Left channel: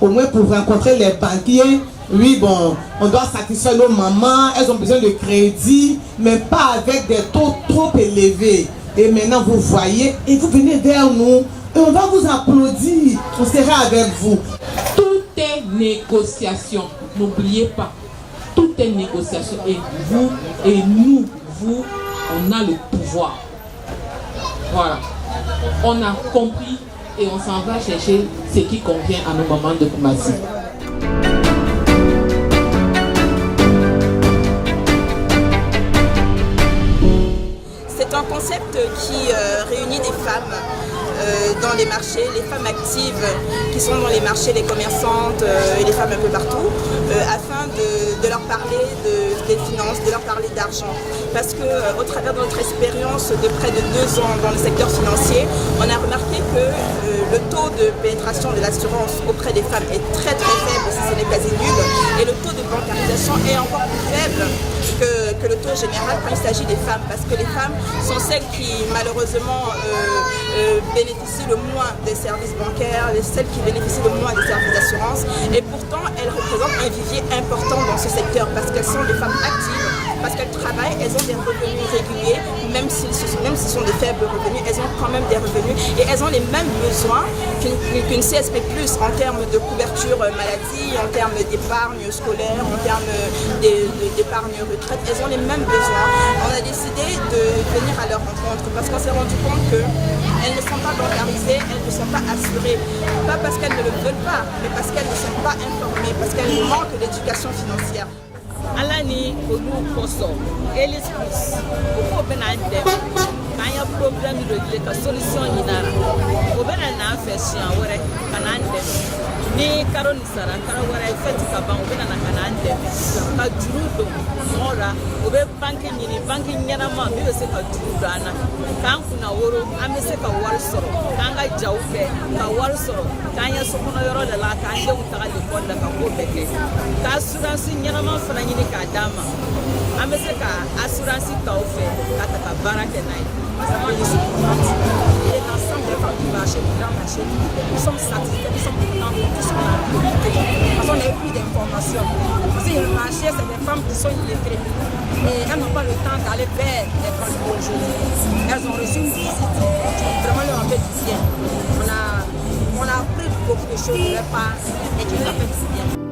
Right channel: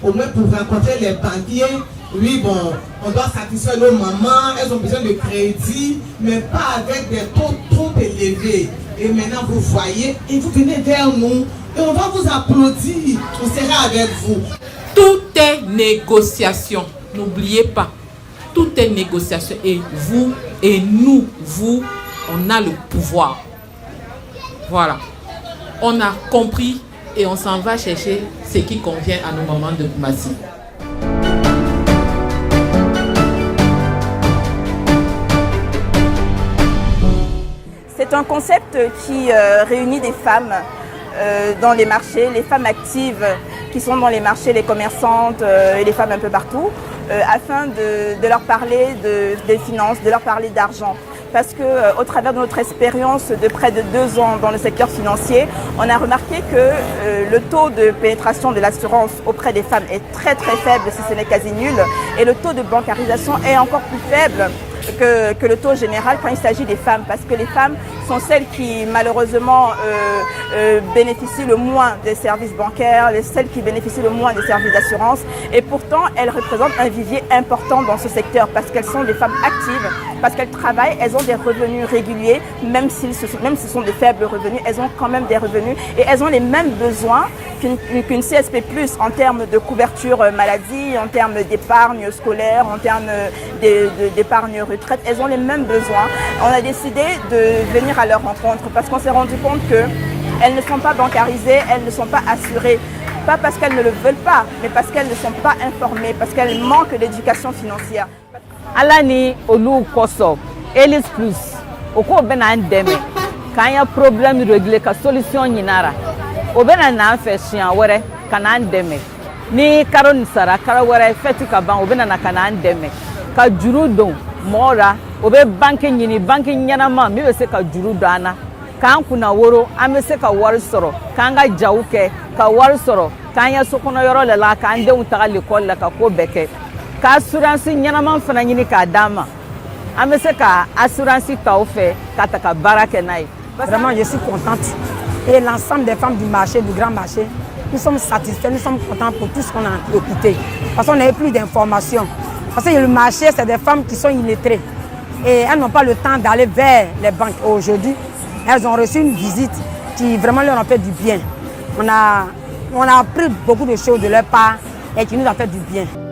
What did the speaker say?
au moins pour rencontrer les banquiers. Oui, bon, on doit satisfaire nos mamans, elles ont besoin de crédit, mais pas avec des taux trop élevés. Et maintenant, vous voyez, et vous venez vers nous, et on va vous applaudir, on sera avec vous. Tout est négociation, n'oubliez pas. Tout est négociation et vous et nous, vous, on a le pouvoir. Voilà. On a compris et on s'en va chercher ce qui convient à nos mamans de Koumassi. C'est un concept qui réunit des femmes dans les marchés, les femmes actives qui sont dans les marchés, les commerçantes et les femmes un peu partout, afin de leur parler des finances, de leur parler d'argent. Parce qu'au travers de notre expérience de près de 2 ans dans le secteur financier, on a remarqué que le taux de pénétration de l'assurance auprès des femmes est très faible, si ce n'est quasi nul, et le taux de bancarisation est encore plus faible que le taux général quand il s'agit des femmes, parce que les femmes sont celles qui malheureusement bénéficient le moins des services bancaires, celles qui bénéficient le moins des services d'assurance, et pourtant elles représentent un vivier important dans ce secteur parce qu'elles sont des femmes actives, parce qu'elles travaillent, elles ont des revenus réguliers, même si ce sont de faibles revenus, elles ont quand même des revenus et elles ont les mêmes besoins qu'une CSP+, en termes de couverture maladie, en termes d'épargne scolaire, en termes d'épargne retraite, elles ont les mêmes besoins. On a décidé de venir à leur rencontre parce qu'on s'est rendu compte qu'elles ne sont pas bancarisées, elles ne sont pas assurées. Pas parce qu'elles ne le veulent pas, mais parce qu'elles ne sont pas informées, parce qu'elles manquent d'éducation financière. Alani olu koso Elis Plus oko bena ndeme kan ya problème réglé ka solution nyinara o bena na afesia wore kana ndeme ni karon sara kara wore feti ka ban o bena na kana ndeme ka juru don mora o be banque nyini banque nyana ma mi be se ka juru dana kan kuna woro ame se ka war soro kan ga jawuke ka war soro kan ya sokono yoro le la kan de unta l'école la ka ko beke ka assurance nyanaman fana nyini ka dama amese ka assurance ta offert ka ta ka barake nai. Vraiment je suis contente et l'ensemble des femmes du marché, du grand marché, nous sommes satisfaits, nous sommes contents pour tout ce qu'on a écouté parce qu'on avait plus d'informations, parce que le marché c'est des femmes qui sont illettrées et elles n'ont pas le temps d'aller vers les banques. Aujourd'hui elles ont reçu une visite qui vraiment leur a fait du bien. On a appris beaucoup de choses de leur part et qui nous a fait du bien.